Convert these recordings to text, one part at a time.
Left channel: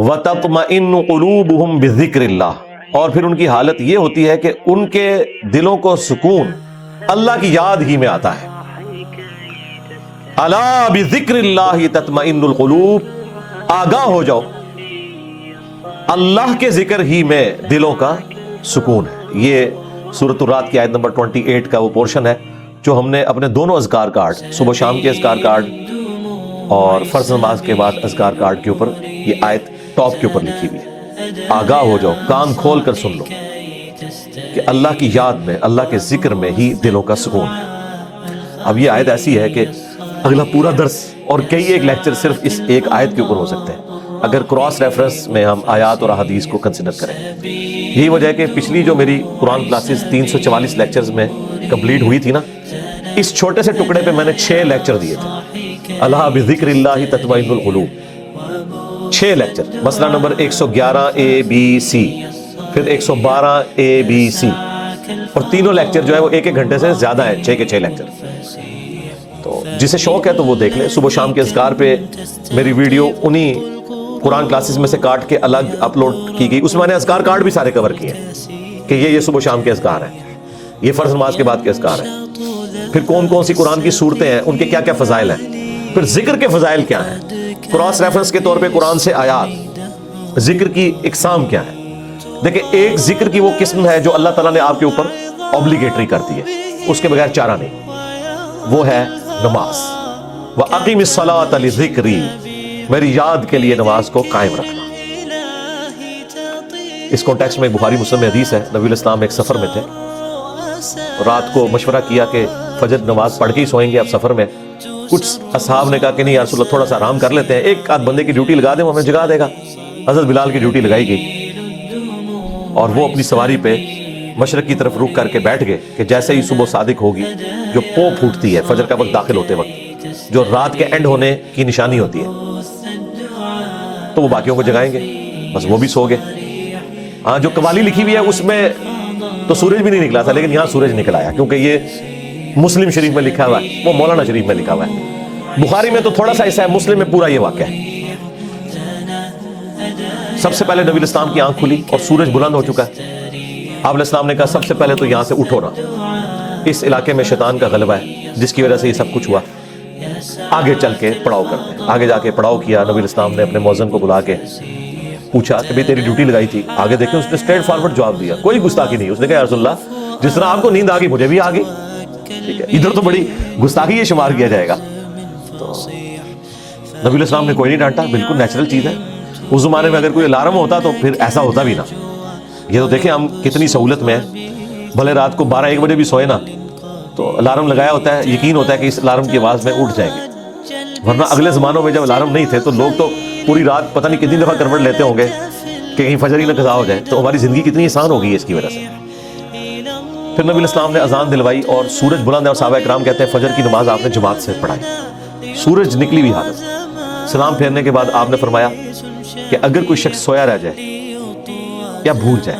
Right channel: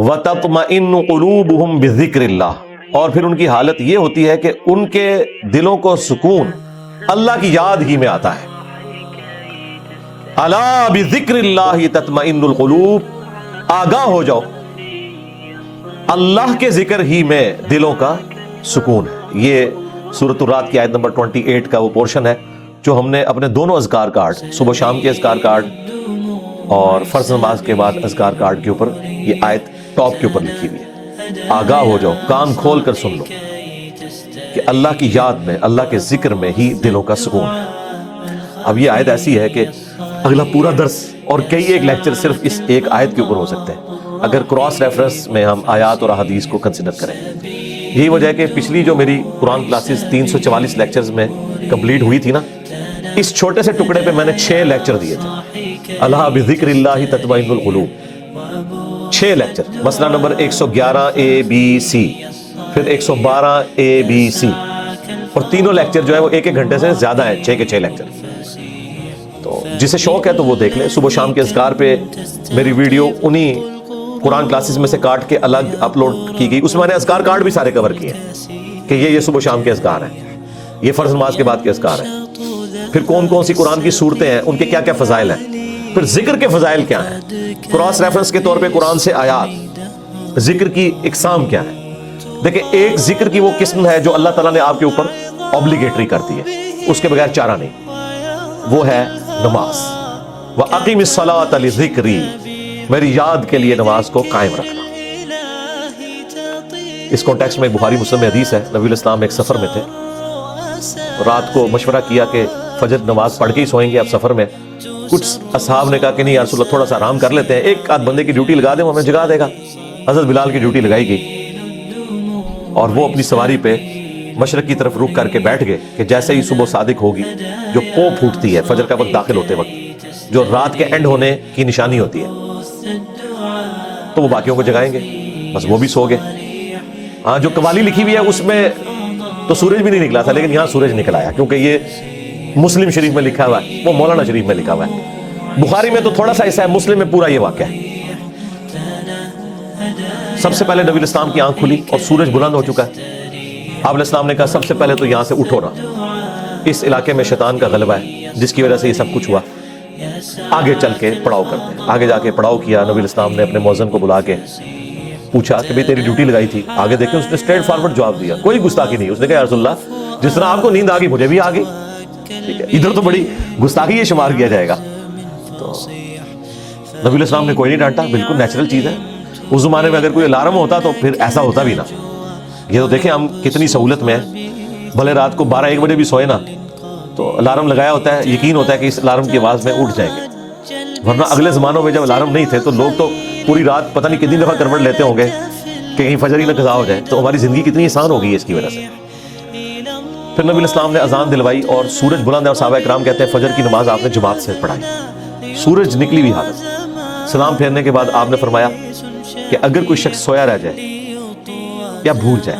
وَتَطْمَئِنُّ قُلُوبُهُمْ بِذِكْرِ اللَّهِ، اور پھر ان کی حالت یہ ہوتی ہے کہ ان کے دلوں کو سکون اللہ کی یاد ہی میں آتا ہے. الا بذکر اللہ تطمئن القلوب، آگاہ ہو جاؤ، اللہ کے ذکر ہی میں دلوں کا سکون ہے. یہ سورۃ الرعد کی آیت نمبر 28 کا وہ پورشن ہے جو ہم نے اپنے دونوں اذکار کارڈ، صبح شام کے اذکار کارڈ اور فرض نماز کے بعد اذکار کارڈ کے اوپر یہ آیت ٹاپ کے اوپر لکھی ہوئی ہے. آگاہ ہو جاؤ، کان کھول کر سن لو کہ اللہ کی یاد میں، اللہ کے ذکر میں ہی دلوں کا سکون ہے. اب یہ آیت ایسی ہے کہ اور کئی ایک لیکچر صرف اس ایک آیت کے اوپر ہو سکتے ہیں اگر کراس ریفرنس میں ہم آیات اور احادیث کو کنسیڈر کریں. یہی وجہ ہے کہ پچھلی جو میری قرآن کلاسز 344 لیکچرز میں کمپلیٹ ہوئی تھی نا، اس چھوٹے سے ٹکڑے پہ میں نے 6 لیکچر دیے تھے. اللہ بذکر اللہ تطمئن القلوب، 6 لیکچر. مسئلہ نمبر 111 ABC، پھر 112 ABC، اور تینوں لیکچر جو ہے وہ ایک ایک گھنٹے سے زیادہ ہیں، 6 کے 6 لیکچر. تو جسے شوق ہے تو وہ دیکھ لیں. صبح شام کے اذکار پہ میری ویڈیو انہی قرآن کلاسز میں سے کاٹ کے الگ اپلوڈ کی گئی، اس میں نے اذکار کارڈ بھی سارے کور کیے کہ یہ صبح شام کے اذکار ہیں، یہ فرض نماز کے بعد کے اذکار ہیں، پھر کون کون سی قرآن کی صورتیں ہیں، ان کے کیا کیا فضائل ہیں، پھر ذکر کے فضائل کیا ہیں، کراس ریفرنس کے طور پہ قرآن سے آیات، ذکر کی اقسام کیا ہے. دیکھیں ایک ذکر کی وہ قسم ہے جو اللہ تعالیٰ نے آپ کے اوپر اوبلیگیٹری کر دی ہے، اس کے بغیر چارہ نہیں، وہ ہے نماز. وَأَقِمِ الصَّلَاةَ لِذِكْرِي، میری یاد کے لیے نماز کو قائم رکھنا. اس کانٹیکسٹ میں بخاری مسلم میں حدیث ہے، نبی الاسلام ایک سفر میں تھے، رات کو مشورہ کیا کہ فجر نماز پڑھ کے ہی سوئیں گے، آپ سفر میں. کچھ اصحاب نے کہا کہ نہیں یا رسول اللہ تھوڑا سا آرام کر لیتے ہیں، ایک آدھ بندے کی ڈیوٹی لگا دیں وہ ہمیں جگا دے گا. حضرت بلال کی ڈیوٹی لگائی گئی اور وہ اپنی سواری پہ مشرق کی طرف رخ کر کے بیٹھ گئے کہ جیسے ہی صبح صادق ہوگی، جو پو پھوٹتی ہے فجر کا وقت داخل ہوتے وقت، جو رات کے اینڈ ہونے کی نشانی ہوتی ہے، تو باقیوں کو جگائیں گے. بس وہ بھی سو گئے. جو قوالی لکھی ہوئی ہے اس میں تو سورج بھی نہیں نکلا تھا، لیکن یہاں سورج نکل آیا کیونکہ یہ مسلم شریف میں لکھا ہوا ہے، وہ مولانا شریف میں لکھا ہوا ہے. بخاری میں تو تھوڑا سا حصہ ہے، مسلم میں پورا یہ واقعہ ہے. سب سے پہلے نبی الاسلام کی آنکھ کھلی اور سورج بلند ہو چکا ہے. آپ علیہ السلام نے کہا سب سے پہلے تو یہاں سے اٹھو نا، اس علاقے میں شیطان کا غلبہ ہے جس کی وجہ سے یہ سب کچھ ہوا. آگے چل کے پڑاؤ کر، آگے جا کے پڑاؤ کیا. نبی الاسلام نے اپنے مؤذن کو بلا کے پوچھا کہ بھی تیری ڈیوٹی لگائی تھی، آگے دیکھے اس نے اسٹریٹ فارورڈ جواب دیا، کوئی گستاخی نہیں. اس نے کہا رسول اللہ جس طرح آپ کو نیند آ گئی مجھے بھی آ گئی، ادھر تو بڑی گستاخی یہ شمار کیا جائے گا. تو نبی الاسلام نے کوئی نہیں ڈانٹا، بالکل نیچرل چیز ہے. اس زمانے میں اگر کوئی الارم ہوتا تو پھر ایسا ہوتا بھی نا. یہ تو دیکھیں ہم کتنی سہولت میں ہیں، بھلے رات کو 12-1 بجے بھی سوئے نا تو الارم لگایا ہوتا ہے، یقین ہوتا ہے کہ اس الارم کی آواز میں اٹھ جائے. ورنہ اگلے زمانوں میں جب الارم نہیں تھے تو لوگ تو پوری رات پتہ نہیں کتنی دفعہ کروٹ لیتے ہوں گے کہ کہیں فجر نہ قضا ہو جائے. تو ہماری زندگی کتنی آسان ہوگی اس کی وجہ سے. پھر نبی الاسلام نے اذان دلوائی اور سورج بلند ہے، اور صحابہ کرام کہتے ہیں فجر کی نماز آپ نے جماعت سے پڑھائی، سورج نکلی ہوئی حالت. سلام پھیرنے کے بعد آپ نے فرمایا کہ اگر کوئی شخص سویا رہ جائے یا بھول جائے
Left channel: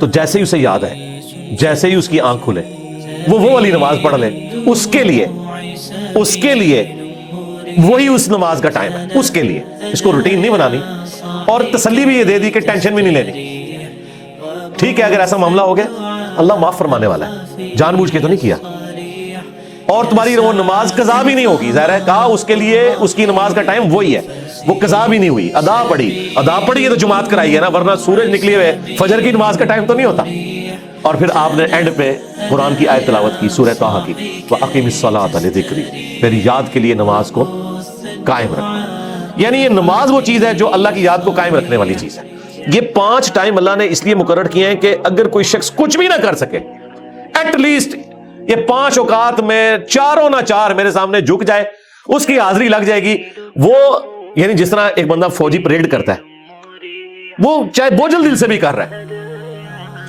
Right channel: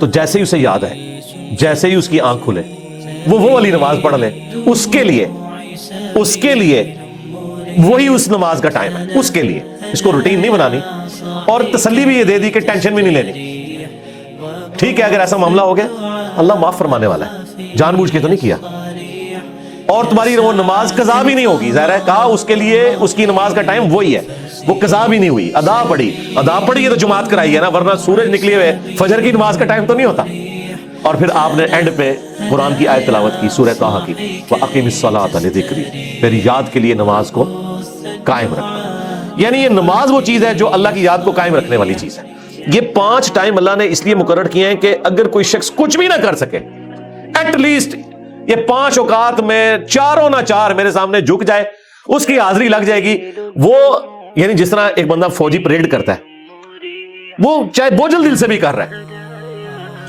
تو جیسے ہی اسے یاد آئے، جیسے ہی اس کی آنکھ کھلے وہ والی نماز پڑھ لے. اس کے لیے وہی اس نماز کا ٹائم ہے، اس کے لیے. اس کو روٹین نہیں بنانی، اور تسلی بھی یہ دے دی کہ ٹینشن بھی نہیں لینی. ٹھیک ہے اگر ایسا معاملہ ہو گیا اللہ معاف فرمانے والا ہے، جان بوجھ کے تو نہیں کیا، اور تمہاری وہ نماز قضا بھی نہیں ہوگی. ظاہر ہے کہا اس کے لیے اس کی نماز کا ٹائم وہی ہے، وہ قضا بھی نہیں ہوئی، ادا پڑھی ہے تو جماعت کرائی ہے نا، ورنہ سورج نکلے ہوئے فجر کی نماز کا ٹائم تو نہیں ہوتا. اور پھر آپ نے اینڈ پہ قرآن کی آیت تلاوت کی، سورہ طٰہٰ کی، وَأَقِمِ الصَّلَاةَ لِذِكْرِي، میری یاد کے لیے نماز کو قائم رکھنا. یعنی یہ نماز وہ چیز ہے جو اللہ کی یاد کو قائم رکھنے والی چیز ہے. یہ 5 ٹائم اللہ نے اس لیے مقرر کیے ہیں کہ اگر کوئی شخص کچھ بھی نہ کر سکے، ایٹ لیسٹ یہ 5 اوقات میں چاروں نہ چار میرے سامنے جھک جائے، اس کی حاضری لگ جائے گی. وہ یعنی جس طرح ایک بندہ فوجی پریڈ کرتا ہے، وہ چاہے بوجھل دل سے بھی کر رہا ہے،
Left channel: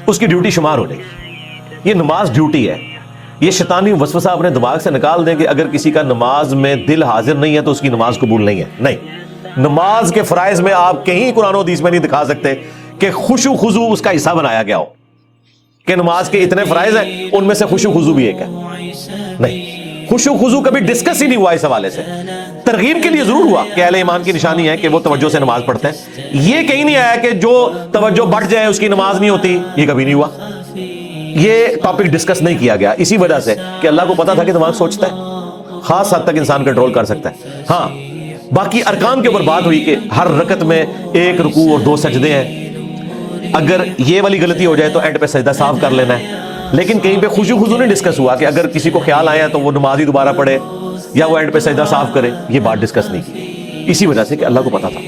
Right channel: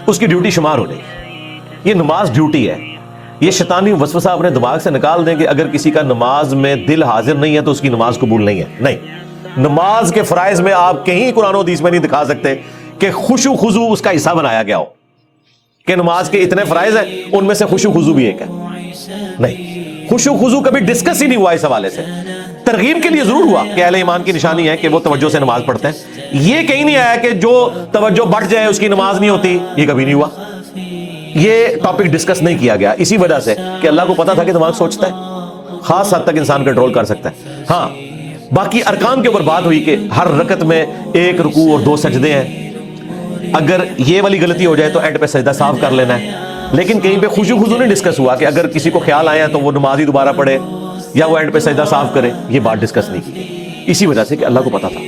اس کی ڈیوٹی شمار ہونی. یہ نماز ڈیوٹی ہے. یہ شیطانی وسوسہ اپنے دماغ سے نکال دیں کہ اگر کسی کا نماز میں دل حاضر نہیں ہے تو اس کی نماز قبول نہیں ہے. نہیں، نماز کے فرائض میں آپ کہیں قرآن و حدیث میں نہیں دکھا سکتے کہ خشوع خضوع اس کا حصہ بنایا گیا ہو کہ نماز کے اتنے فرائض ہیں ان میں سے خشوع خضوع بھی ایک ہے. نہیں، خشوع خضوع کبھی ڈسکس ہی نہیں ہوا اس حوالے سے. ترغیب کے لیے ضرور ہوا کہ اہل ایمان کی نشانی ہے کہ وہ توجہ سے نماز پڑھتے ہیں. یہ کہیں نہیں آیا کہ جو توجہ بڑھ جائے اس کی نماز نہیں ہوتی, یہ کبھی نہیں ہوا. یہ ٹاپک ڈسکس نہیں کیا گیا اسی وجہ سے کہ اللہ کو پتا تھا کہ دماغ سوچتا ہے, خاص حد تک انسان کنٹرول کر سکتا ہے. ہاں باقی ارکان کے اوپر بات ہوئی کہ ہر رکعت میں 1 رکوع اور 2 سجدے ہیں. اگر یہ والی غلطی ہو جائے تو اینڈ پہ سجدہ صاف کر لینا ہے. لیکن کہیں پہ خشوع خضوع نہیں ڈسکس ہوا کہ اگر کسی کو خیال آیا تو وہ نماز ہی دوبارہ پڑھے یا وہ اینڈ پہ سجدہ صاف کرے. یہ بات ڈسکس نہیں, اسی وجہ سے کہ اللہ کو پتا تھا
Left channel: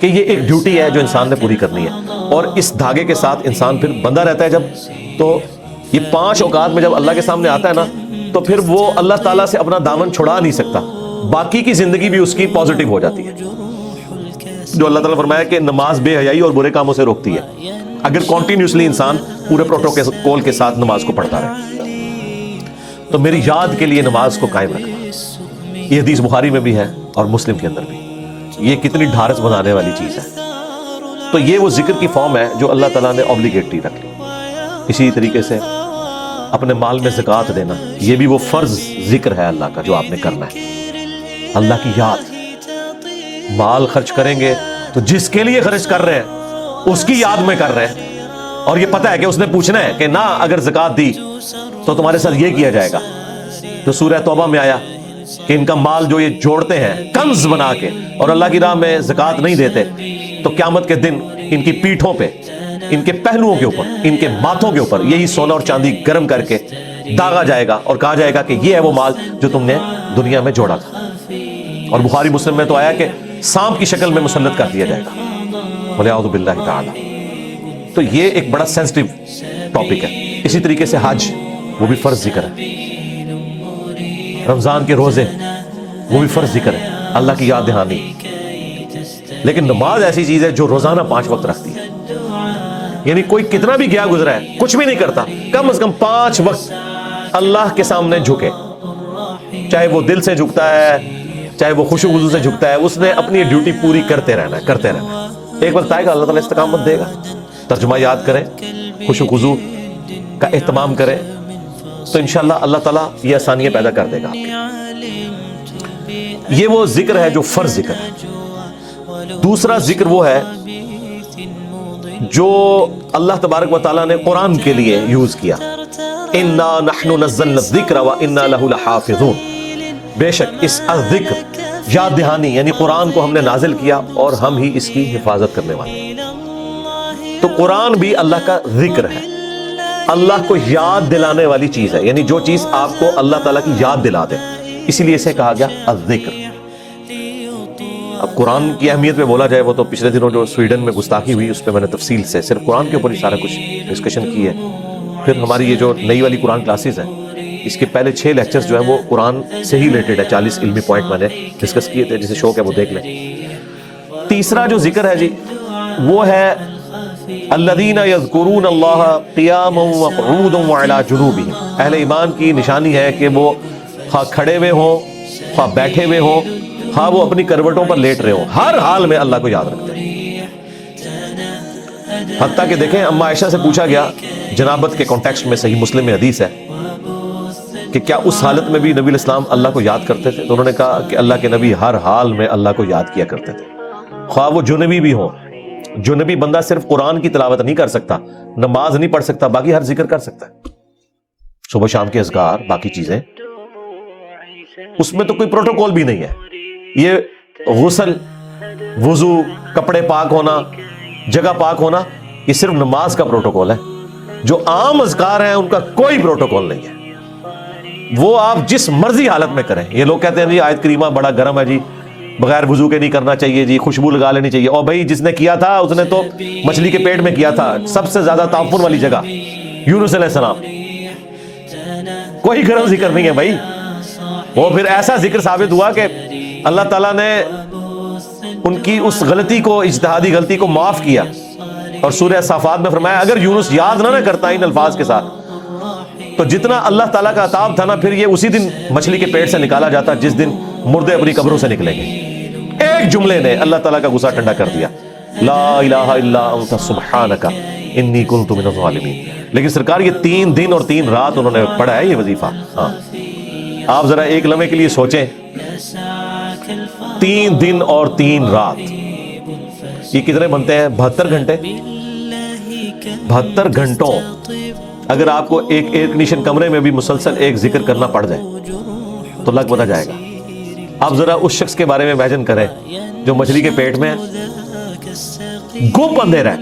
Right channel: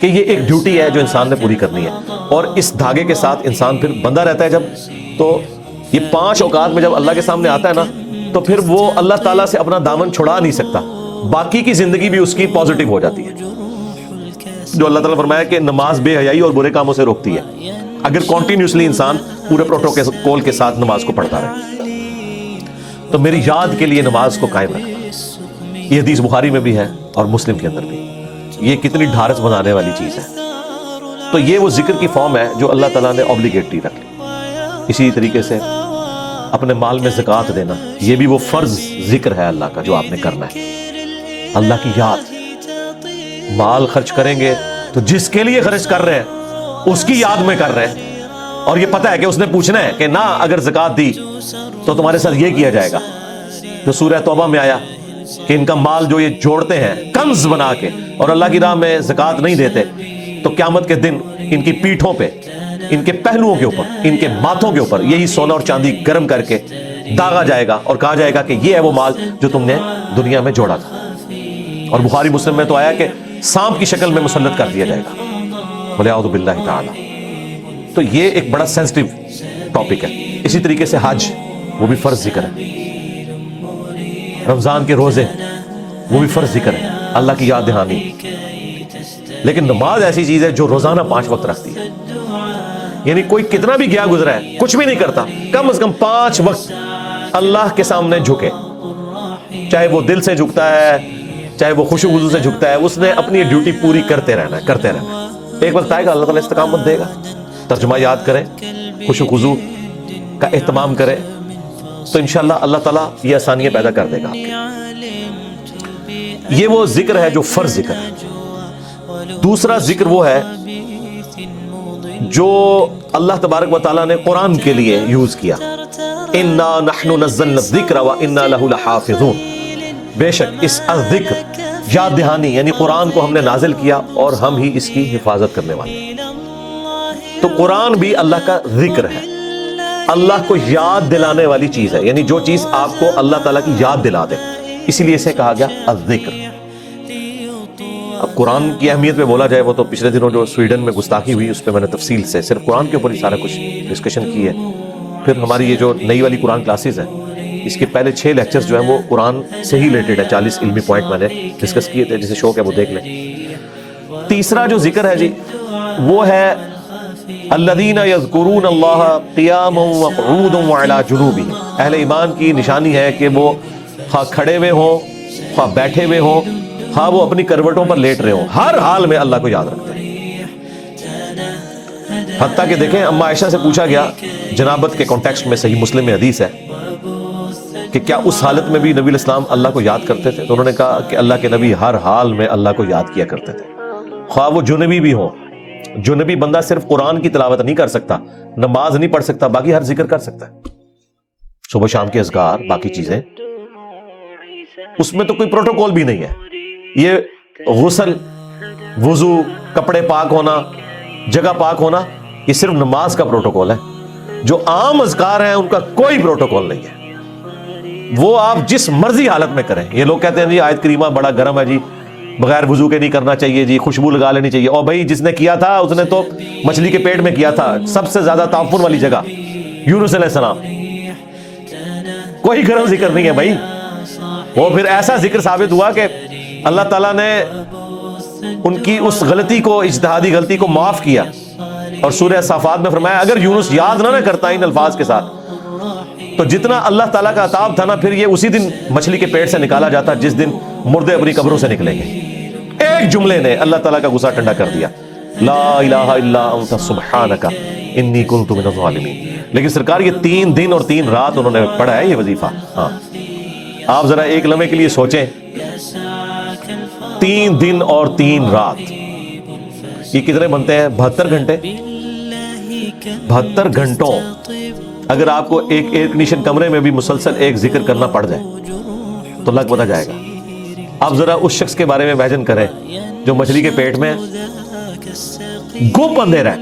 کہ یہ ایک ڈیوٹی ہے جو انسان نے پوری کرنی ہے. اور اس دھاگے کے ساتھ انسان پھر بندہ رہتا ہے جب, تو یہ 5 اوقات میں جب اللہ کے سامنے آتا ہے نا تو پھر وہ اللہ تعالیٰ سے اپنا دامن چھڑا نہیں سکتا. باقی کی زندگی بھی اس کی پازیٹیو ہو جاتی ہے. جو اللہ تعالیٰ فرمایا کہ نماز بے حیائی اور برے کاموں سے روکتی ہے اگر کنٹینیوسلی انسان پورے پروٹوکول کے ساتھ نماز کو پڑھتا ہے. تو میری یاد کے لیے نماز کو قائم رکھنا, یہ حدیث بخاری میں بھی ہے اور مسلم کے اندر بھی. یہ کتنی ڈھارس بنانے والی چیز ہے. تو یہ وہ ذکر کی فارم ہے جو اللہ تعالیٰ نے اوبلیگیٹری رکھ لی. اسی طریقے سے اپنے مال میں زکوٰۃ دینا, یہ بھی وہ فرض ذکر ہے اللہ کا جو آپ نے کرنا ہے. اللہ کی یاد, مال خرچ کریں گے تو جس کے لیے خرچ کر رہے ہیں اس کی یاد میں کر رہے ہیں, اور یہ پتہ ہے کہ اس نے پوچھنا ہے کہ نہ اگر زکوٰۃ دی تو تمہارے ساتھ یہ کیا جائے گا. تو سورہ توبہ میں آیا کہ ان کا مال جو یہ جوڑتے ہیں کنز بنا کے اور اللہ کی راہ میں زکوٰۃ نہیں دیتے تو قیامت کے دن ان کی پیٹھوں پہ, ان کے پہلوؤں کے اوپر, ان کے ماتھوں کے اوپر یہی سونا اور چاندی گرم کر کے داغا جائے گا اور کہا جائے گا کہ یہ ہے وہ مال جو تم نے دنیا میں جوڑا تھا. اور بخاری مسلم میں تو آیا کہ سانپ کی شکل میں مسلط کر دیا جائے گا, وَلِعَوْذُ بِاللَّهِ تَعَالَى. تو یہ ایک بڑا سینسٹیو ٹاپک ہے. اسی طریقے سے حج, وہ بھی فرض ذکر ہے. رمضان کے روزے, وہ بھی فرض ذکر ہے, اللہ کی یاد دہانی. لیکن نماز ایسی چیز ہے جو روزانہ 5 وقت رکھتی ہے. یعنی کوئی کتنا بھی گیا گزرا ہے کچھ بھی نہیں کرتا, کم از کم 5 وقت اللہ کے سامنے جھکے, چاہے وہ دل سے جھکتا ہے چاہے وہ خشوع خضوع سے جھکتا ہے, اس نے اپنی ڈیوٹی پوری کرتے رہنا کرتے رہنا. ایک وقت آئے گا اللہ تعالیٰ استقامت دے گا. ترجمہ یاد کریں, خشوع خضوع کا اہتمام کریں, تو انشاءاللہ اللہ تعالیٰ یہ آسانیاں پیدا کر دے گا. یہ وہ ذکر ہے جو فرض ذکر ہے. دوسرا ذکر وہ ہے جو اللہ تبارک و تعالیٰ نے قرآن کے لیے یوز کیا. اِنَّا نَحْنُ نَزَّلْنَا الذِّكْرَ وَإِنَّا لَهُ لَحَافِظُونَ. بے شک اس ذکر, یاد دہانی یعنی قرآن کو ہم نے نازل کیا اور ہم ہی اس کی حفاظت کرنے والے. تو قرآن بھی اللہ کا ذکر ہے, اللہ کو یاد دلانے والی چیز ہے. یعنی جو چیز آپ کو اللہ تعالیٰ کی یاد دلا دے, اسی لیے اسے کہا گیا الذکر. اب قرآن کی اہمیت پہ بولا جائے, وہ تو پچھلے دنوں جو سویڈن میں گستاخی ہوئی اس پہ میں نے تفصیل سے صرف قرآن کے اوپر سارا کچھ ڈسکشن کی ہے. پھر ہماری یہ جو نئی والی قرآن کلاسز ہیں, اس کے پہلے 6 لیکچرز جو ہیں وہ قرآن سے ہی ریلیٹڈ ہے. 40 علمی پوائنٹ میں نے ڈسکس کیے تھے, جسے شوق ہے وہ دیکھ لیں. تیسرا جو ذکر ہے وہ ہے الذین یذکرون اللہ قیاما وقعودا وعلی جنوبہم. اہل ایمان کی نشانی ہے کہ وہ خواہ کھڑے ہوئے ہوں, خواہ بیٹھے ہوئے ہوں, خواہ وہ اپنی کروٹوں پر لیٹ رہے ہوں, ہر حال میں اللہ کو یاد رکھتے ہیں. حتیٰ کہ دیکھیں اما عائشہ سے پوچھا گیا جنابت کے کانٹیکسٹ میں, صحیح مسلم میں حدیث ہے کہ کیا اس حالت میں بھی نبی علیہ السلام اللہ کو یاد کرتے تھے؟ تو انہوں نے کہا کہ اللہ کے نبی ہر حال میں اللہ کو یاد کیا کرتے تھے, خواہ وہ جنبی بھی ہو. جنبی بندہ صرف قرآن کی تلاوت نہیں کر سکتا, نماز نہیں پڑھ سکتا, باقی ہر ذکر کر سکتا. صبح شام کے اذکار, باقی چیزیں, اس میں تو کوئی پروٹوکول بھی نہیں ہے. یہ غسل, وضو, کپڑے پاک ہونا, جگہ پاک ہونا, یہ صرف نماز کا پروٹوکول ہے. جو عام اذکار ہیں ان کا کوئی پروٹوکول نہیں ہے, وہ آپ جس مرضی حالت میں کریں. یہ لوگ کہتے ہیں جی آیت کریمہ بڑا گرم ہے جی, بغیر وضو کے نہیں کرنا چاہیے جی, خوشبو لگا لینی چاہیے. اور بھائی جس نے کیا تھا اس نے تو مچھلی کے پیٹ میں کیا تھا, سب سے زیادہ تعفر والی جگہ, یونس علیہ السلام. کوئی گرم ذکر نہیں ہے بھائی. وہ پھر ایسا ذکر ثابت ہوا کہ اللہ تعالیٰ نے ان کی اس غلطی کو, اجتہادی غلطی کو معاف کیا. اور سورہ صافات میں فرمایا اگر یونس یاد نہ کرتا ان الفاظ کے ساتھ تو جتنا اللہ تعالیٰ کا عطاب تھا نا, پھر یہ اسی دن مچھلی کے پیٹ سے نکالا جاتا جس دن مردے اپنی قبروں سے نکلیں گے. ایک جملے نے اللہ تعالیٰ کا غصہ ٹھنڈا کر دیا, لا الہ الا انت سبحانک انی کنت من الظالمین. لیکن سرکار یہ 3 دن اور 3 رات انہوں نے پڑھا ہے یہ وظیفہ. آپ ذرا ایک لمحے کے لیے سوچیں، 3 دن اور 3 رات، یہ کتنے بنتے ہیں؟ 72 گھنٹے۔ 72 گھنٹوں اگر آپ کو ایک ایئر کنڈیشن کمرے میں بھی مسلسل ایک ذکر کرنا پڑ جائے تو لگ بتا جائے گا۔ آپ ذرا اس شخص کے بارے میں امیجن کریں جو مچھلی کے پیٹ میں گم بندے رہا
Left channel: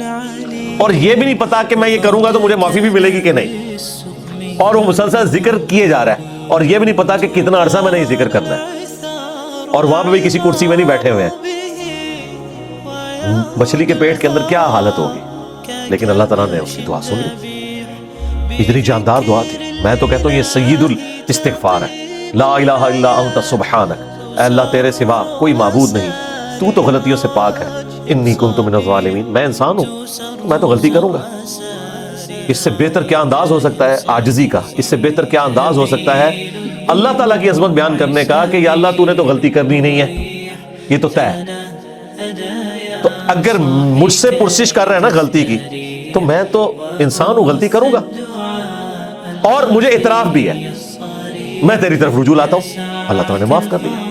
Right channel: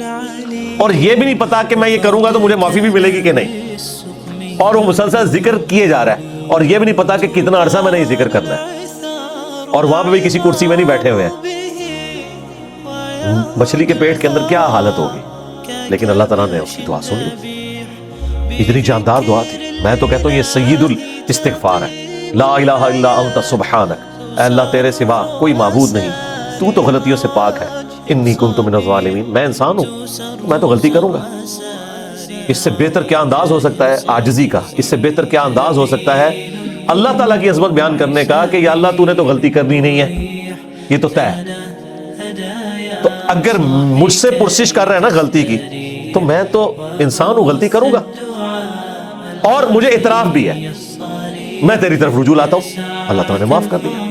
اور یہ بھی نہیں پتا کہ میں یہ کروں گا تو مجھے معافی بھی ملے گی کہ نہیں، اور وہ مسلسل ذکر کیے جا رہا ہے اور یہ بھی نہیں پتا کہ کتنا عرصہ میں نے یہ ذکر کرنا ہے، اور وہاں پہ بھی کسی کرسی میں نہیں بیٹھے ہوئے۔ مچھلی کے پیٹ کے اندر کیا حالت ہوگی؟ لیکن اللہ تعالیٰ نے اس کی دعا سنی، اتنی جاندار دعا تھی۔ میں تو کہتا ہوں یہ سید الاستغفار ہے، لا الہ الا انت سبحانک، اے اللہ تیرے سوا کوئی معبود نہیں، تو غلطیوں سے پاک ہے، انی کنت من الظالمین، میں انسان ہوں، میں تو غلطی کروں گا۔ اس سے بہتر کیا انداز ہو سکتا ہے عاجزی کا؟ اس سے بہتر کیا انداز ہو سکتا ہے اللہ تعالیٰ کی عظمت بیان کرنے کا کہ یا اللہ تو نے تو غلطی کرنی نہیں ہے، یہ تو طے ہے۔ تو اگر مجھ سے پرسش کر رہا ہے نا غلطی کی، تو میں تو انسان ہوں، غلطی کروں گا، اور مجھے اعتراف بھی ہے، میں تیری طرف رجوع لاتا ہوں، اللہ تعالیٰ نے معاف کر دیا۔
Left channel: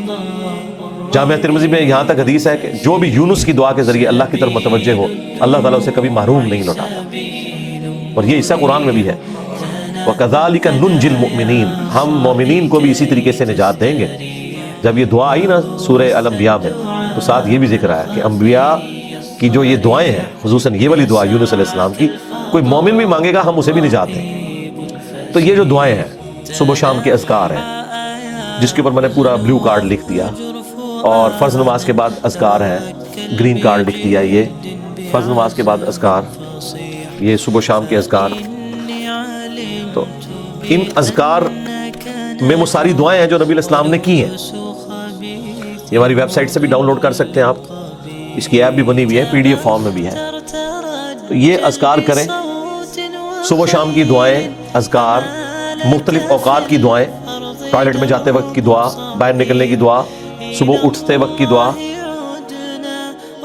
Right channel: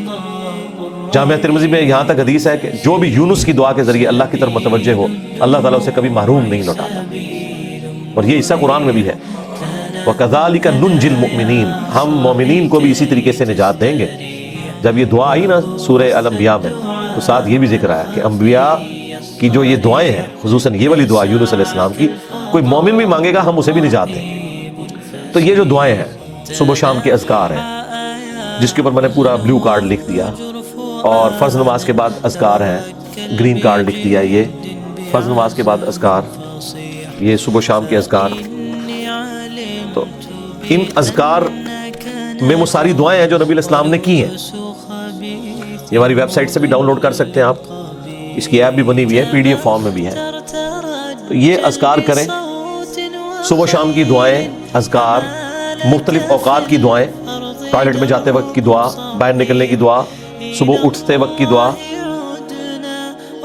جامعہ ترمذی میں یہاں تک حدیث ہے کہ جو بھی یونس کی دعا کے ذریعے اللہ کی طرف متوجہ ہو، اللہ تعالیٰ اسے کبھی محروم نہیں ہوتا، اور یہ حصہ قرآن میں بھی ہے، وَكَذَلِكَ نُنْجِي الْمُؤْمِنِينَ، ہم مومنین کو بھی اسی طریقے سے نجات دیں گے۔ جب یہ دعا آئی نا سورہ الانبیاء میں، تو ساتھ یہ بھی ذکر آیا کہ انبیاء کی جو یہ دعائیں ہیں، خصوصاً یہ والی دعا یونس علیہ السلام کی، کوئی مومن بھی مانگے گا ہم اسے بھی نجات دیں۔ تو یہ جو دعائیں ہیں صبح شام کے اذکار ہیں، جس کے اوپر میں نے پورا بلو کارڈ لکھ دیا، اور فرض نماز کے بعد اذکار ہے، گرین کارڈ لکھ دیا، یہ فرض نماز کے بعد اذکار، یہ صبح شام کے اذکار۔ تو ان اذکار میں وہ ساری دعائیں ہیں جو نبی علیہ السلام نے کی ہیں، یہ ہماری ویب سائٹ سے بھی ڈاؤن لوڈ کر سکتے ہیں آپ، اس کی ایپ بھی بنی ہوئی ہے، پی ڈی ایف فارم میں بھی ہے۔ تو یہ اذکار کریں، صبح شام کی دعائیں، اذکار، مختلف اوقات کی دعائیں، ٹوائلٹ میں جاتے وقت کی دعا، باہر نکلنے کی دعا، صبح اٹھتے وقت کی دعا،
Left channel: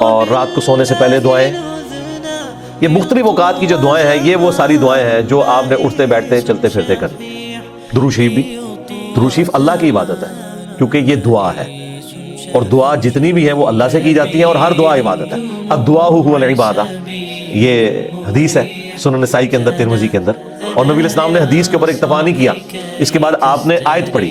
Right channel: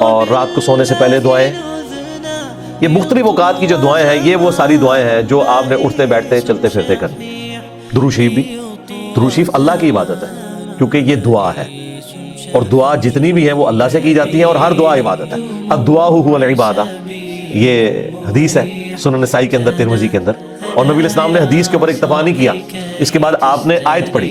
اور رات کو سونے سے پہلے دعائیں۔ یہ مختلف اوقات کی جو دعائیں ہیں، یہ وہ ساری دعائیں ہیں جو آپ نے اٹھتے بیٹھتے چلتے پھرتے کرنی۔ درود شریف بھی، درود شریف اللہ کی عبادت ہے کیونکہ یہ دعا ہے، اور دعا جتنی بھی ہے وہ اللہ سے کی جاتی ہے، اور ہر دعا عبادت ہے۔ الدعاء هو العبادہ، یہ حدیث ہے سنن نسائی کے اندر، ترمذی کے اندر، اور نبی علیہ السلام نے حدیث کے اوپر اکتفا نہیں کیا، اس کے بعد آپ نے آیت پڑھی،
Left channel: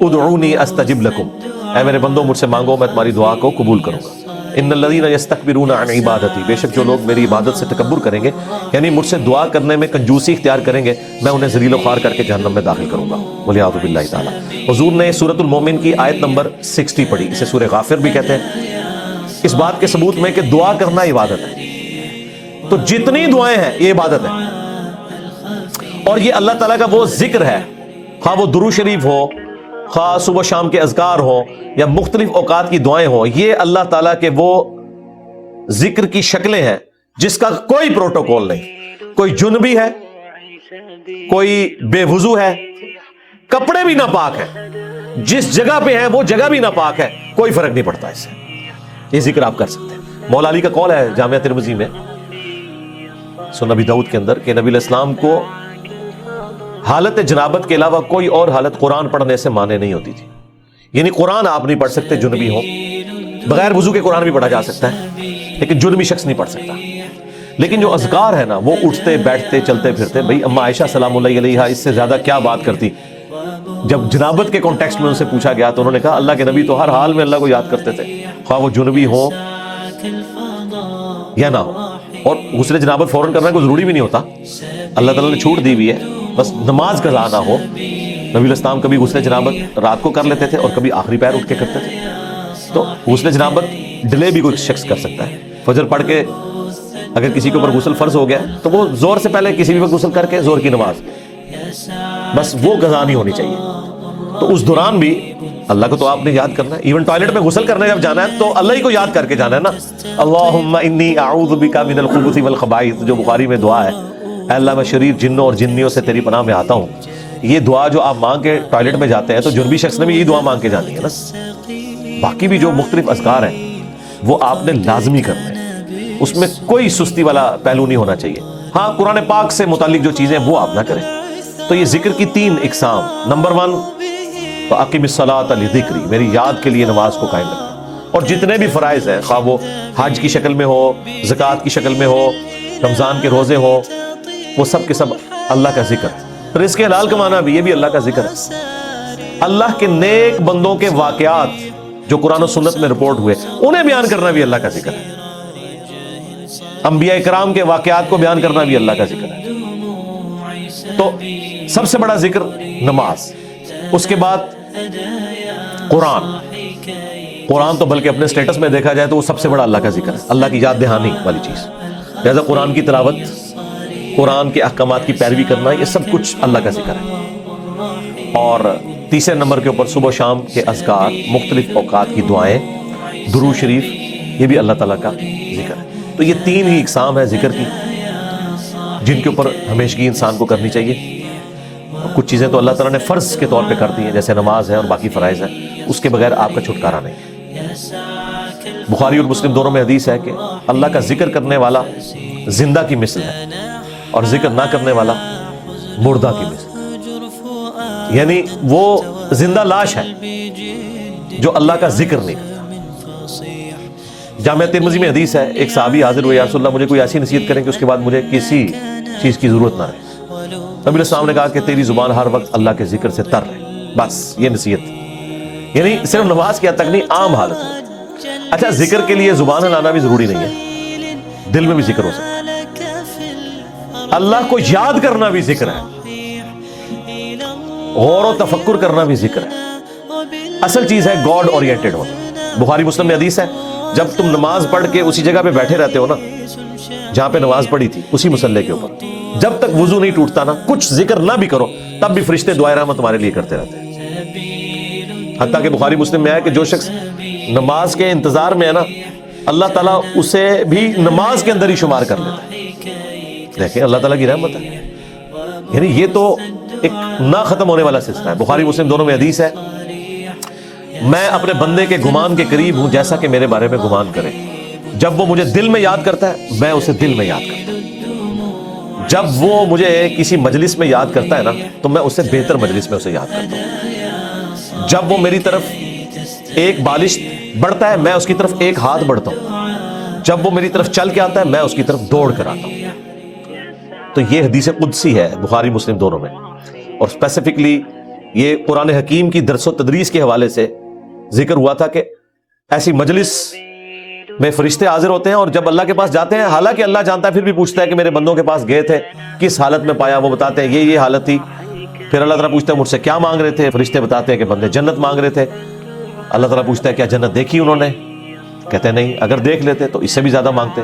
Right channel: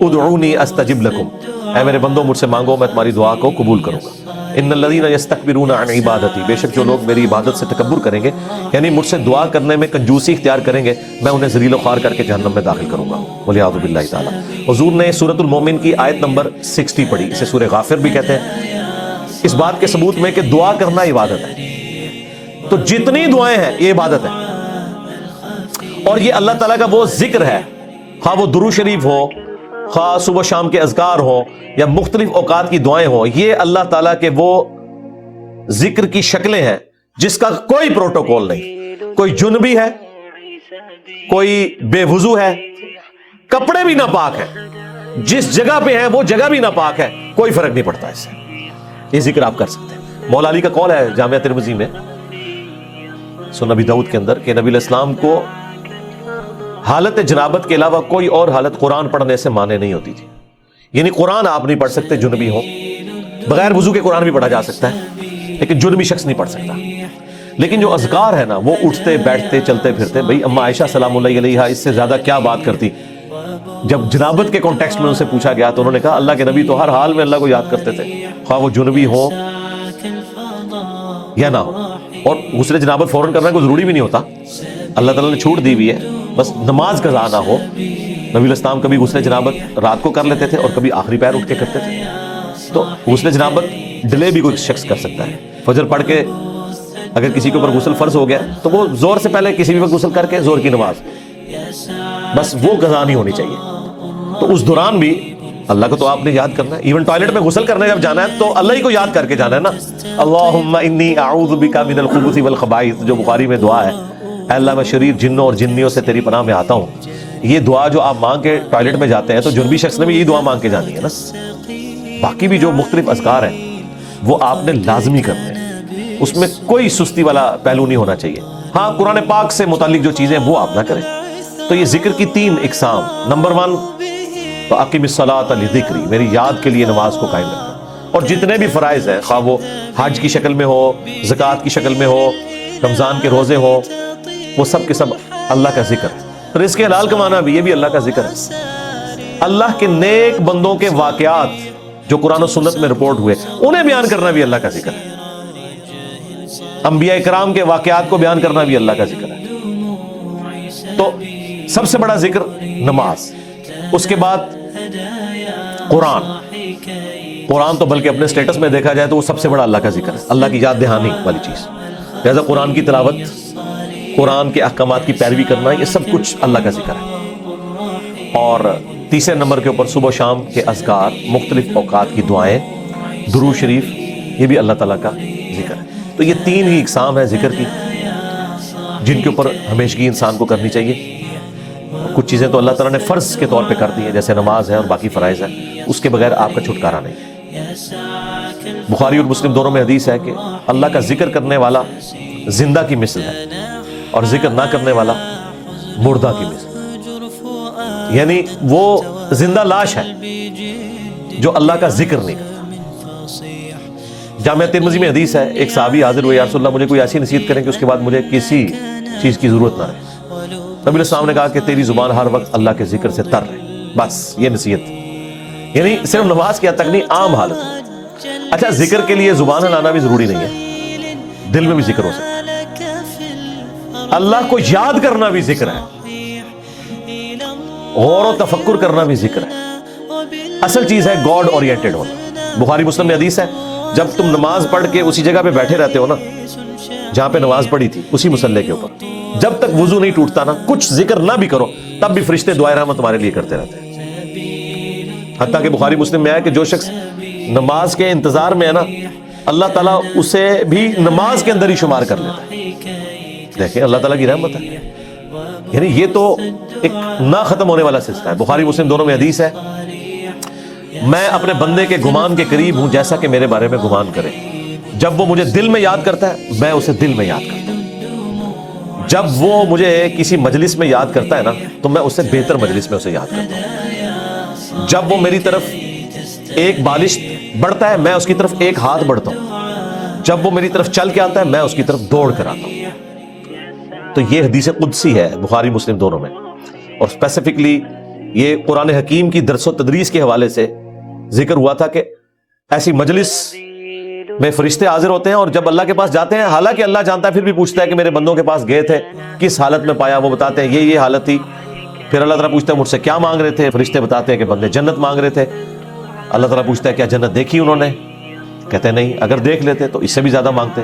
ادعونی استجب لکم، اے میرے بندو مجھ سے مانگو میں تمہاری دعا کو قبول کروں گا۔ ان الذین یستکبرون عن عبادتی، بے شک جو لوگ میری عبادت سے تکبر کریں گے، یعنی مجھ سے دعا کرنے میں کنجوسی اختیار کریں گے، میں انہیں ذلیل و خوار کر کے جہنم میں داخل کروں گا، والعیاذ باللہ تعالی۔ حضور نے سورۃ المومن کی آیت نمبر 60 پڑھی، اسے سورہ غافر بھی کہتے ہیں، اس بات کے ثبوت میں کہ دعا کرنا عبادت ہے۔ تو جتنی دعائیں ہیں یہ عبادت ہے، اور یہ اللہ تعالیٰ کا وہ ذکر ہے، خواہ وہ درود شریف ہو، خواہ صبح شام کے اذکار ہو، یا مختلف اوقات کی دعائیں ہوں، یہ اللہ تعالیٰ کے وہ ذکر کی شکلیں ہیں جس کا کوئی پروٹوکول نہیں، کوئی جنبی ہے، کوئی بے وضو ہے، کپڑے بھی ناپاک ہیں، جس جگہ پہ ہیں وہ جگہ بھی ناپاک ہے، کوئی فرق نہیں پڑتا اس سے، یہ ذکر آپ کر سکتے ہیں۔ مولا علی کا قول ہے جامعہ ترمذی میں، سنن ابی داؤد کے اندر، کہ نبی علیہ السلام کو حالت جنابت کے علاوہ کوئی اور حالت قرآن پڑھنے سے مانے نہیں ہوتی تھی، یعنی قرآن آپ نہیں پڑھ سکتے جنبی ہو، بغیر وضو کے قرآن بھی پڑھا جا سکتا ہے لیکن جنبی شخص نہیں پڑھ سکتا۔ لیکن جو اذکار ہے نا وہ اٹھتے بیٹھتے چلتے پھرتے، بھئی اما عائشہ سلام اللہ علیہا اس سے زیادہ کیا بات کرتی، جب جنابت کے کانٹیکسٹ میں ان سے پوچھا گیا تو انہوں نے کہا اللہ کے نبی تو ہر حال میں اللہ کو یاد کرتے تھے، خواہ وہ جنبی ہو یا نہ ہو، اور غسل جنابت فوراً کرنا کوئی ضروری بھی نہیں ہوتا، اللہ تعالیٰ نے چھوٹ دی ہوئی ہے، بس نماز کا لانا ہو۔ نبی علیہ السلام کبھی غسل جنابت رات کو کر لیتے تھے اور کبھی آخری پیر اٹھ کے کرتے تھے، تو غسل جنابت ڈیلے بھی کوئی شخص کر سکتا ہے، فجر پڑھ کے اگر کسی کے اوپر غسل فرض ہو گیا تو وہ زور سے پہلے کسی بھی وقت غسل کر کے زور کی نماز، بس وہ قضا نہیں ہونی چاہیے۔ تو اس دوران بھی اللہ کو تو آپ نے یاد کرنا ہے، ایون ٹوائلٹ میں غسل کرنے جب جانا ہے تو اللہ ہی کو یاد کر کے جانا ہے نا، اللہم انی اعوذ بک من الخبث والخبائث، جو بخاری میں دعا ہے، اے اللہ میں شریر جنوں اور جنیوں سے تیری پناہ میں آتا ہوں۔ یہ دعا جو آپ مانگ کے ٹوائلٹ میں جاتے ہیں تو جنبی شخص نے بھی یہ دعا مانگ کے جانی ہے نا۔ باقی بھی جو مختلف اذکار ہیں وہ آپ نے لازمی کرنے ہیں، اس میں کوئی سستی والا پہلو نہیں ہونا چاہیے۔ ہاں قرآن پاک سے متعلق جو چیزیں وہ آپ نہ کریں۔ تو یہ ذکر کی 3 اقسام، نمبر 1 فاقم الصلاۃ لذکری، میری یاد کے لیے نماز کو قائم کر. اور جتنے بھی فرائض ہیں، خواہ وہ حج کی شکل میں ہو، زکوٰۃ کی شکل میں ہو، رمضان کے روزے ہوں، وہ سب کے سب اللہ کا ذکر ہے. رزق حلال کمانا بھی، یہ بھی اللہ کا ذکر ہے. اللہ کے نیک بندوں کے واقعات جو قرآن و سنت میں رپورٹ ہوئے انہیں بیان کرنا بھی اللہ کا ذکر ہے. انبیاء کرام کے واقعات کو بیان کرنا بھی اللہ کا ذکر ہے. سب سے بڑا ذکر نماز، اس کے بعد قرآن تو بلکہ اپنے سٹیٹس میں دیکھا جائے تو وہ سب سے بڑا اللہ کا ذکر ہے، اللہ کی یاد دہانی والی چیز. لہذا قرآن کی تلاوت، قرآن کے احکامات کی پیروی کرنا، یہ سب کچھ اللہ کا ذکر ہے. اور تیسرے نمبر کے اوپر صبح و شام کے اذکار، مختلف اوقات کی دعائیں، درود شریف، یہ بھی اللہ تعالیٰ کا ذکر ہے. تو یہ تین ہی اقسام ہیں ذکر کی جن کے اوپر ہمیشگی انسان کو کرنی چاہیے. کچھ چیزیں تو اللہ تعالیٰ نے فرض کے طور پہ کر دی ہے، جیسے نماز ہے اور باقی فرائض ہیں، اس کے بغیر آپ کا چھٹکارا نہیں. بخاری اور مسلم دونوں میں حدیث ہے کہ اللہ کا ذکر کرنے والا زندہ کی مثل ہے اور ذکر نہ کرنے والا مردہ کی مثل. یعنی وہ زندہ لاش ہے جو اللہ کا ذکر نہیں کرتا. جامعہ ترمذی میں حدیث ہے، ایک صحابی حاضر ہوئے، یا رسول اللہ مجھے کوئی ایسی نصیحت کرے کہ اس کے بعد مجھے کسی چیز کی ضرورت نہ رہے. نبی علیہ السلام نے کہا کہ تیری زبان ہر وقت اللہ کے ذکر سے تر ہے، بس یہ نصیحت. یعنی صرف نماز کی حد تک نہیں، عام حالت. اچھا، ذکر کے لیے زبان ہلانا بھی ضروری نہیں ہے، دل میں بھی ذکر ہو سکتا ہے. اللہ کو یاد کرنا بھی ذکر ہے، غور و تفکر کرنا بھی ذکر ہے. اصل چیز ہے گاڈ اورینٹڈ ہونا. بخاری مسلم میں حدیث ہے، جب تم نماز پڑھ کے اسی جگہ پہ بیٹھے رہتے ہو نا جہاں پہ نماز پڑھی تھی، اسی مصلی کے اوپر، جب تک وضو نہیں ٹوٹتا نا، کچھ ذکر نہ بھی کرو، تب بھی فرشتے دعائیں رحمت تمہارے لیے کرتے رہتے ہیں. حتیٰ کہ بخاری مسلم میں ہے کہ جو شخص نماز کے انتظار میں ہے نا، اللہ تعالیٰ اسے بھی نماز کے اندر ہی شمار کر لیتا ہے. دیکھیں اللہ تعالیٰ کی رحمت ہے. یعنی یہ تو ایک نہ ختم ہونے والا سلسلہ ہے. بخاری مسلم دونوں میں حدیث ہے، میں اپنے بندے کے گمان کے قریب ہوں جیسا کہ میرے بارے میں گمان کرے. جب وہ مجھے دل میں یاد کرتا ہے میں اسے دل میں یاد کرتا ہوں. جب وہ مجھے کسی مجلس میں یاد کرتا ہے نا تو میں اسے بہتر مجلس میں اسے یاد کرتا ہوں. جب وہ میری طرف ایک بالش بڑھتا ہے میں اس کی طرف ایک ہاتھ بڑھتا ہوں. جب وہ میری طرف چل کے آتا ہے میں اس کی طرف دوڑ کر آتا ہوں. تو یہ حدیث قدسی ہے بخاری مسلم دونوں میں. اور اسپیسیفکلی یہ قرآن حکیم کی درس و تدریس کے حوالے سے ذکر ہوا تھا کہ ایسی مجلس میں فرشتے حاضر ہوتے ہیں اور جب اللہ کے پاس جاتے ہیں، حالانکہ اللہ جانتا ہے، پھر بھی پوچھتا ہے کہ میرے بندوں کے پاس گئے تھے کس حالت میں پایا. وہ بتاتے ہیں یہ حالت تھی. پھر اللہ تعالیٰ پوچھتا ہے مجھ سے کیا مانگ رہے تھے؟ فرشتے بتاتے ہیں کہ بندے جنت مانگ رہے تھے. اللہ تعالیٰ پوچھتا ہے کیا جنت دیکھی انہوں نے؟ کہتے ہیں نہیں. اگر دیکھ لیتے تو اس سے بھی زیادہ مانگتے.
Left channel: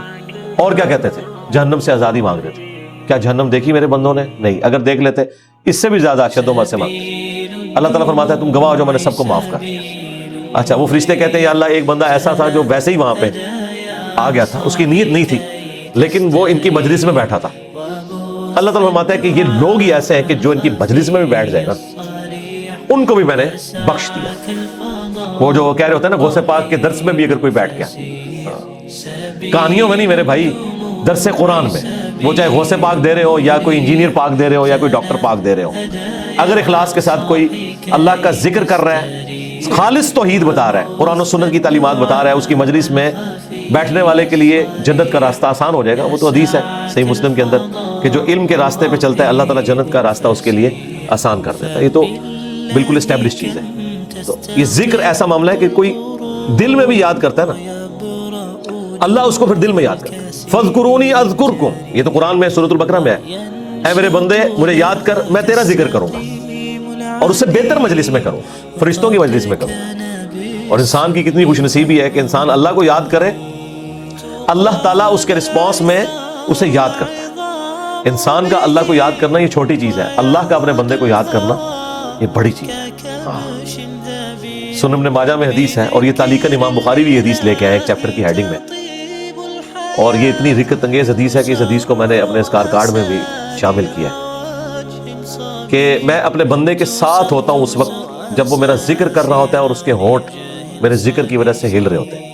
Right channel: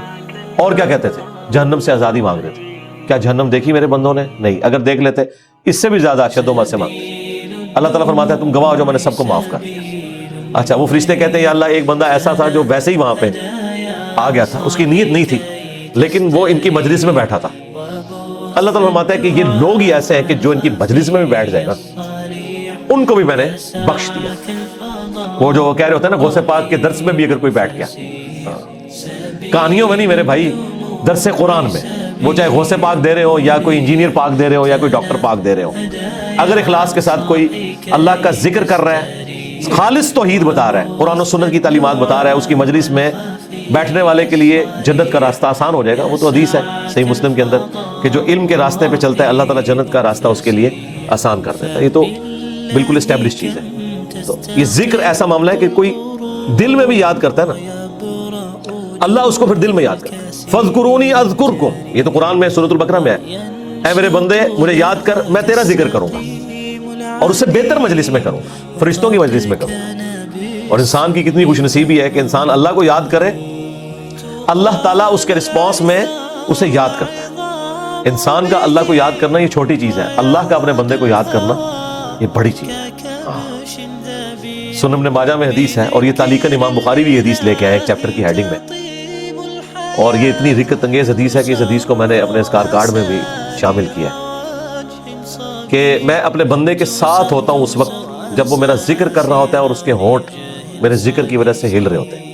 اور کیا کہتے تھے؟ جہنم سے آزادی مانگ رہے تھے. کیا جہنم دیکھی میرے بندوں نے؟ نہیں. اگر دیکھ لیتے اس سے بھی زیادہ اشد و بد سے مانگتے. اللہ تعالیٰ فرماتا ہے تم گواہ ہو جو میں نے سب کو معاف کر. اچھا، وہ فرشتے کہتے ہیں یا اللہ ایک بندہ ایسا تھا جو ویسے ہی وہاں پہ آ گیا تھا، اس کی نیت نہیں تھی لیکن وہ ان کی مجلس میں بیٹھا تھا. اللہ تعالیٰ فرماتا ہے کہ یہ لوگ ہی ایسے ہیں کہ جو ان کی مجلس میں بھی بیٹھ جائے گا ان کو بھی میں نے بخش دیا. وہ جو کہہ رہے ہوتے ہیں نا غوث پاک کے درس میں بھی اگر کوئی بیٹھ گیا، کہانیوں میں نہیں میرے بھائی، درس قرآن میں، وہ چاہے غوث پاک دے رہے ہو یا کوئی انجینئر پاک دے رہے ہو یا کوئی ڈاکٹر پاک دے رہے ہو، اگر اخلاص کے ساتھ کوئی اللہ کا ذکر کر رہا ہے، خالص توحید بتا رہا ہے، قرآن و سنت کی تعلیمات بتا رہا ہے، اس کی مجلس میں بیٹھنے والے کے لیے جنت کا راستہ آسان ہو جائے گا. وہ تو حدیث ہے صحیح مسلم کے اندر کہ جو علم کے راستے پہ چلتا ہے اللہ تعالیٰ جنت کا راستہ اس کے لیے آسان کر دیتا ہے. یہ تو بالکل اسٹیبلش چیز ہے. تو یہ ذکر ایسا معاملہ ہے کہ کوئی دل میں بھی یاد کرتا ہے نا، اللہ اس کو پھر دل میں یاد کرتا ہے. فَاذْكُرُونِي أَذْكُرْكُمْ، یہ تو قرآن میں سورۃ البقرہ میں ہے، اے میرے بندے مجھے یاد کر میں تیرا ذکر کروں گا اور اس سے بہتر مجلس میں کروں، فرشتوں کی مجلس میں کروں. اور انسان کی کتنی خوش نصیبی ہے کہ انسان اللہ کو یاد کرے، اللہ تعالیٰ اس کے رسپانس میں اسے یاد کرتا ہے. انسان کا اللہ کو یاد کرنا یہ چھوٹی چیز ہے، اللہ کا اپنے بندے کو یاد کرنا یہ بڑی چیز ہے. سنن ابن ماجہ میں حدیث ہے اور یہ تعلیقاً امام بخاری بھی حدیث لے کے آئے ایک چیپٹر کی ہیڈنگ میں، اور یہ اتنی رکت انگیز حدیث ہے کہ اس حدیث کو میں نے اپنے اذکار کارڈ میں بھی شامل کیا کہ میں اپنے بندے کے ساتھ ہوتا ہوں اس وقت جب وہ میرا ذکر کر رہا ہوتا ہے اور اس کے ہونٹ میرے ذکر کی وجہ سے ہل رہے ہوتے ہیں.